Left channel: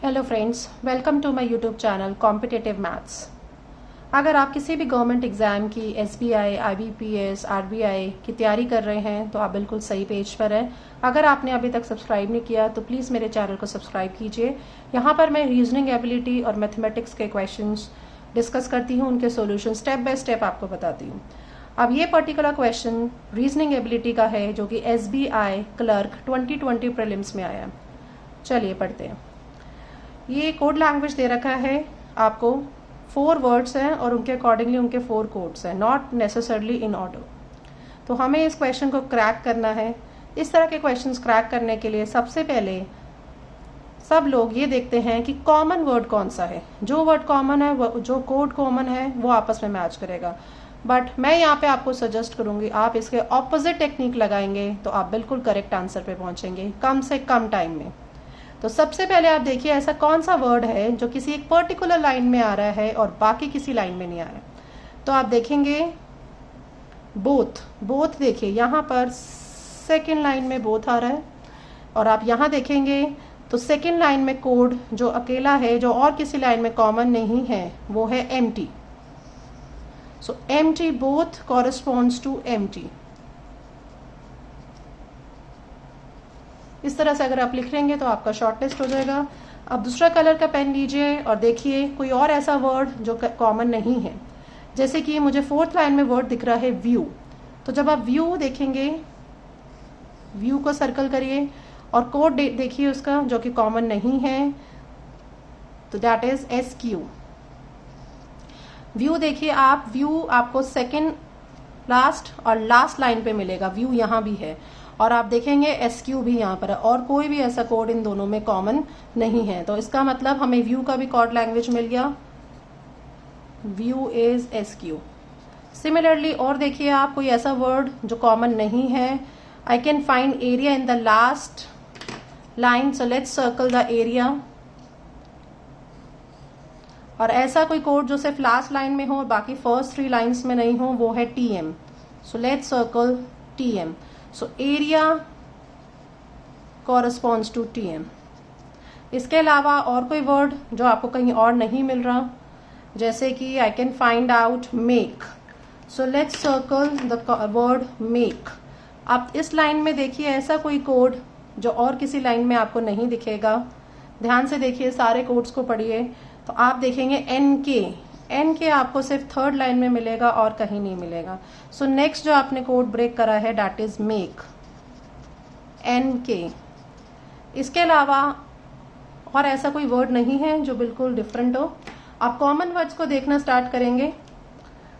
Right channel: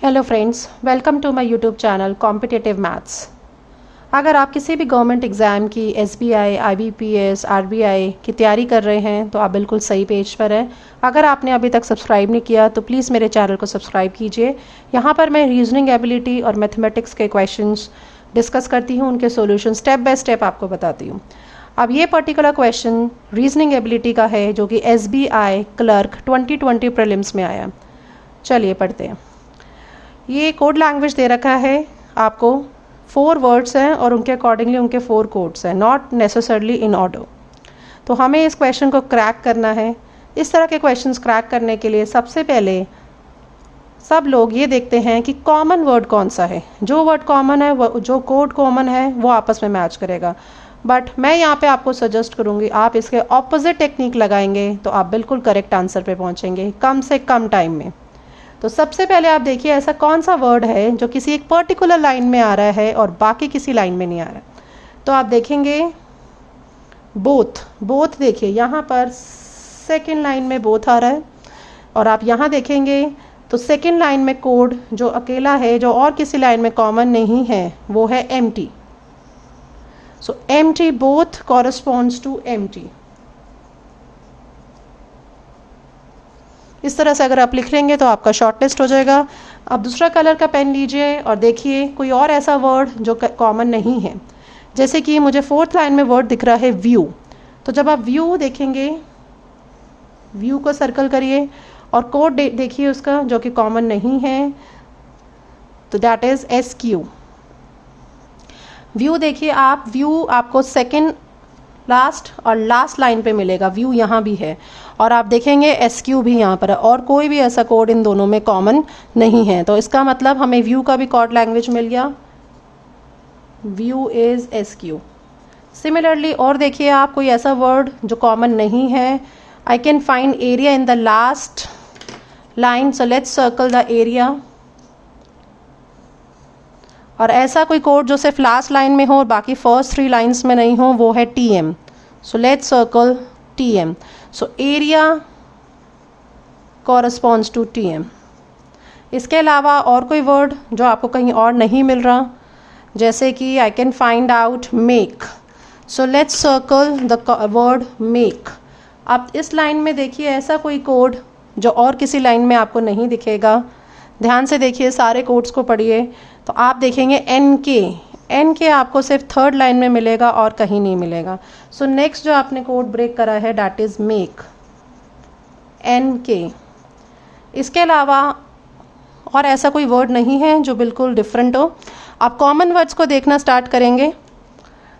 Hello friends, welcome to my YouTube channel competitive maths. अगर आप किसी भी गवर्नमेंट एग्ज़ाम की एसबीआई, आईबीपीएस, आरबीआई की तैयारी कर रहे हैं तो आप बिल्कुल सही पेज पर हैं। अगर आपने अभी तक सब्सक्राइब नहीं किया तो प्लीज़ मेरे चैनल को सब्सक्राइब कीजिए। यहाँ पर मैं रीजनिंग एबिलिटी और मैथमेटिक्स के क्वेश्चंस डिस्कस करती हूँ, उनके सॉल्यूशन स्टेप बाय स्टेप आपको बताती हूँ। अब ये पर्टिकुलर क्वेश्चन रीजनिंग एबिलिटी का है जो कि एसबीआई क्लर्क 2020 प्रीलिम्स में आया। चलिए पढ़ते हैं। ये कोड लैंग्वेज दे रखा है आपको, 4 वर्ड्स हैं और उनके अकॉर्डिंगली उनके 4 कोड्स हैं, नॉट नेसेसरली इन ऑर्डर। तो हमें इस क्वेश्चन को क्रैक करना है। इस तरह के क्वेश्चंस क्रैक करने के लिए सबसे पहले सब लोग ये देखते हैं कि कॉमन वर्ड कौन सा है। जो वर्ड कॉमन है, वो जो कोड कॉमन है, वो आपस में मैच करेगा। बट मैं यहाँ पे आपको सजेस्ट करूँगी, आप इसके ऑपोजिट टेक्निक लगाएंगे तो आप बिल्कुल करेक्ट आंसर पे पहुँचेंगे कम से कम टाइम में। तो सबसे पहले आप देखिए ऐसा कौन सा वर्ड है जो किसी एक पर्टिकुलर लाइन में आ रहा है और बाकी किसी लाइन में नहीं आ रहा है। तो आप देखेंगे बोथ देखिए यहाँ पर सेकंड लाइन में बोथ आ रहा है, और आप यहाँ देखेंगे तो सेकंड लाइन में कोड जो अकेला है, जो और किसी लाइन में कॉमन नहीं है, वो है empty. So empty both corresponds to empty. इस तरह से अगर आप लिख लेंगे तो आपका शॉर्ट लिस्ट हो जाएगा। अब दूसरा कलर का पेन लीजिए और देखिए कोई और ऐसा वर्ड जो कॉमन नहीं है। जैसे कि मुझे 4th लाइन में वर्ड दिख रहा है व्यू। तो जब आप व्यू देखेंगे, व्यू को सर्कल करिए और कोड देखिए उसका जो कि कॉमन नहीं है, तो दैट इज SQ। व्यू देखिए आप, व्यू आपको सेकेंड लास्ट और लास्ट लाइन पे मिलेगा। व्यू यहाँ भी है और आप देखेंगे SQ भी यहाँ पर है, और कोई भी ऐसा कोड इन दोनों में कॉमन नहीं है। तो इसका मतलब हमें व्यू का भी कोड लैंग्वेज मिल गया। View is SQ। सिमिलरली और देखिए आप कोई ऐसा वर्ड जो कॉमन नहीं है। I can find area in the last line, so let's circle the area. और ऐसा कोई कोड जो सिर्फ लास्ट लाइन में हो और बाकी फर्स्ट 3 लाइन्स में नहीं हो, वो है TM। So let's circle TM। So area corresponds to TM। इसके अलावा और कोई वर्ड जो आपको कहीं और नहीं मिल रहा, जैसे कि I can find out make. So let's circle the word make. आप इस लाइन में देखिए ऐसा कोई कोड जो और किसी लाइन में आपको नहीं दिखेगा। ध्यान से देखिए, सारे कोड्स को पढ़िए तो आप देखेंगे NK आपको सिर्फ 3rd लाइन में मिलेगा और कहीं नहीं मिलेगा। सो नेक्स्ट जो आपने कोड ब्रेक करा है दैट इज मेक, NK। इसके अलावा और ऐसा कोई वर्ड नहीं है जो बिल्कुल डिफरेंट हो। आप कॉमन वर्ड्स को देखना स्टार्ट करेंगे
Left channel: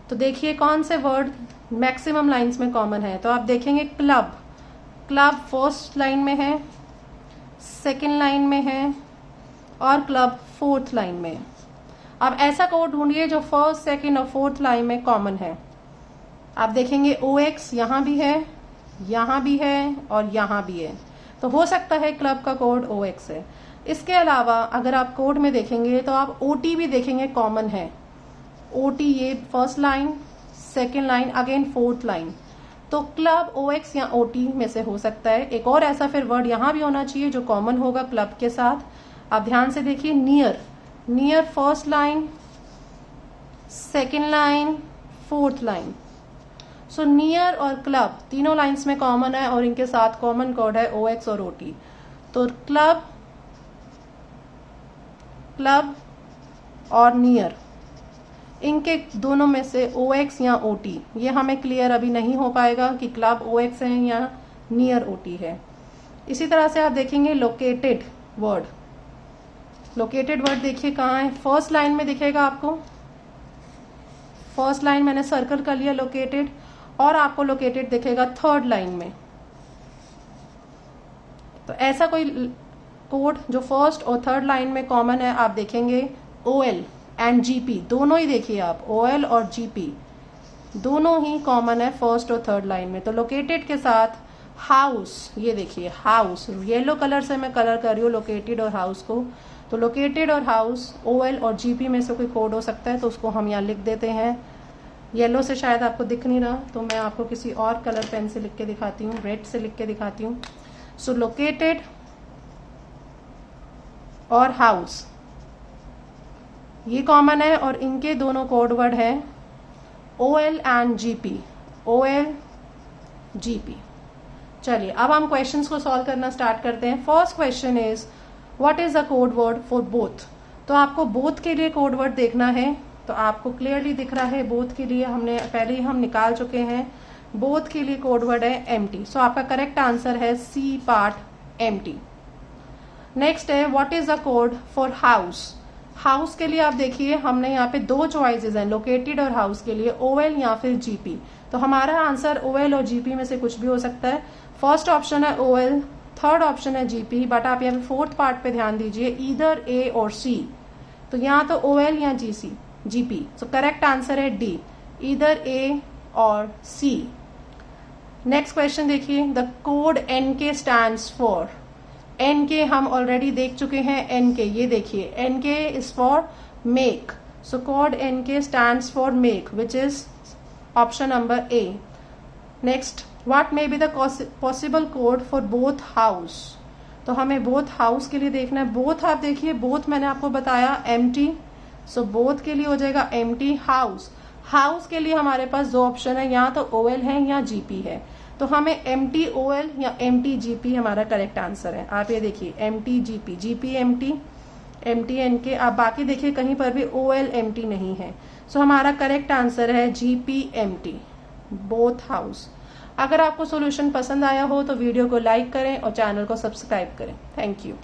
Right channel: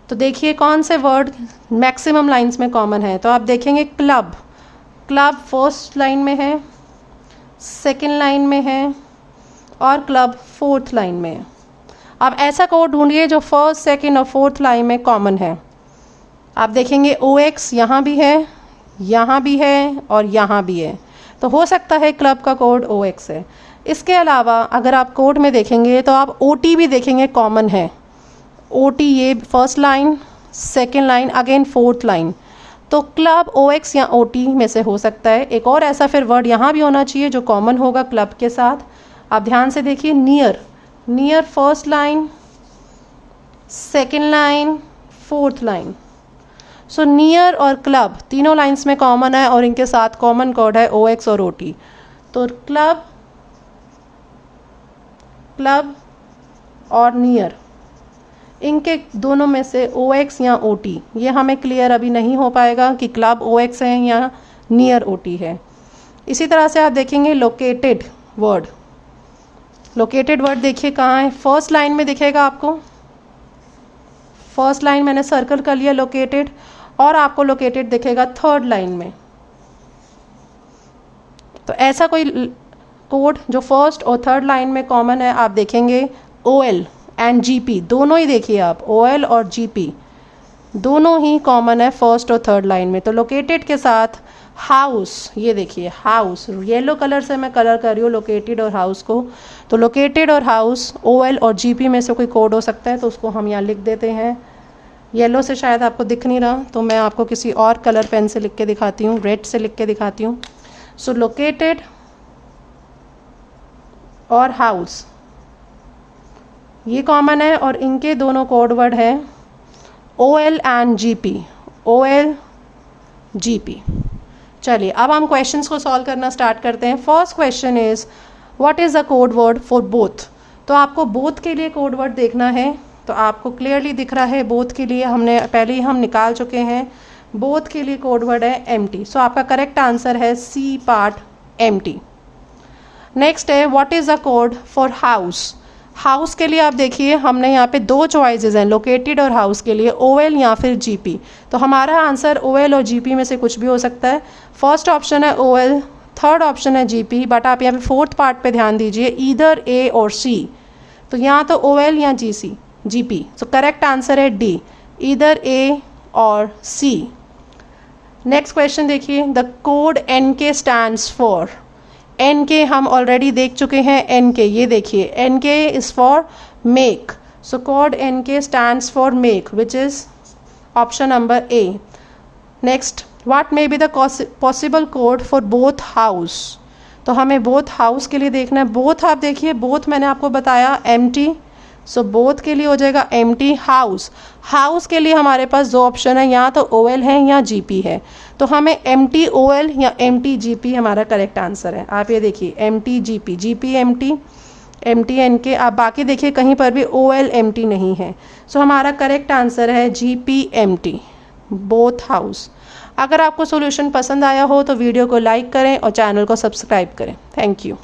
तो देखिए कौन से वर्ड मैक्सिमम लाइंस में कॉमन है। तो आप देखेंगे क्लब फर्स्ट लाइन में है, सेकेंड लाइन में है और क्लब 4th लाइन में है। अब ऐसा कोड ढूंढिए जो फर्स्ट, सेकेंड और 4th लाइन में कॉमन है। आप देखेंगे OX यहाँ भी है, यहाँ भी है और यहाँ भी है। तो हो सकता है क्लब का कोड OX है। इसके अलावा अगर आप कोड में देखेंगे तो आप OT भी देखेंगे कॉमन है। OT ये first line, second line, again 4th line. तो क्लब OX या OT में से हो सकता है। एक और ऐसा फिर वर्ड यहाँ भी होना चाहिए जो कॉमन होगा क्लब के साथ। आप ध्यान से देखिए, near first line, second line, 4th line. So near और क्लब तीनों लाइंस में कॉमन है और इनके साथ कॉमन कोड है OX और OT। तो क्लब और नियर, इनके दोनों में से OX या OT, ये हमें क्लियर अभी नहीं हो पाएगा कि क्लब OX है या नियर OT है। इसी तरह से आप देखेंगे लोकेटेड वर्ड देखिए कहाँ है, फर्स्ट लाइन में दिखेगा आपको। फर्स्ट लाइन मैंने सर्कल कर लिया लोकेटेड, और आपको लोकेटेड दिखेगा 3rd लाइन में। तो ऐसा कोई कोड जो फर्स्ट और 3rd लाइन में कॉमन है, आप देखेंगे OL एंड GP, दोनों ही देखिए आप, OL और GP दोनों ही कॉमन है फर्स्ट और 3rd लाइन में। तो लोकेटेड के साथ हाउस, ये देखिए हाउस, येलो कलर से मैं कलर कर रही हूँ लोकेटेड और हाउस को। तो लोकेटेड और हाउस OL और GP में से कोई कोड हो सकता है, तो उसको हम यहाँ लिख देते हैं। येलो से शायद आपको दिख नहीं रहा, तो मैं आपको किसी और कलर पेन से लिख के दिखाती हूँ, रेड से लिख के दिखाती हूँ। सो लोकेटेड और हाउस, ये कॉमन है और इनके दोनों कोड वर्ड है OL and GP, OL GP। चलिए अब हम क्वेश्चंस को सॉल्व करना स्टार्ट करते हैं। First question is what is the code word for both. तो आपको बोथ के लिए कोड वर्ड देखना है, तो आपको क्लियरली दिख रहा है बोथ के लिए हमने पहले ही हम निकाल चुके हैं। बोथ के लिए कोड वर्ड है एम्प्टी, सो आपका करेक्ट आंसर है सी पार्ट एम्प्टी। नेक्स्ट है what is the code for house. House के लिए आप देखिए हमने यहाँ पे दो चॉइसेस हैं, लोकेटेड और हाउस के लिए, OL या फिर GP। तो हमारा आंसर OL और GP में से कुछ भी हो सकता है। फर्स्ट ऑप्शन है OL, थर्ड ऑप्शन है GP, बट आप यहाँ पे फोर्थ पार्ट पे ध्यान दीजिए, ईदर A और C। तो यहाँ तो OL या GP, सो करेक्ट आंसर है D, ईदर A और C। नेक्स्ट क्वेश्चन देखिए, the code NK stands for. NK हम ऑलरेडी देख चुके हैं, NK ये देखिए, NK is for make, so code NK stands for make which is option number A। Next, what may be the possible code for both house. तो हमें both house के लिए देखना है। बोथ आप देखिए, बोथ मैंने आपको बताया एम्प्टी, सो बोथ के लिए हो जाएगा एम्प्टी। हाउस के लिए हमारे पास दो ऑप्शन है, या तो OL है या GP है, तो हमें एम्प्टी OL या एम्प्टी GP हमारा करेक्ट आंसर है। आप ये देखिए empty GP, GP empty, empty NK। आप बाकी देखिए कहीं पर भी OL एम्प्टी नहीं है, सो हमारा करेक्ट आंसर है GP एम्प्टी, बोथ हाउस। अगर आपको सॉल्यूशन पसंद आया हो तो वीडियो को लाइक करें और चैनल को सब्सक्राइब करें। Thank you.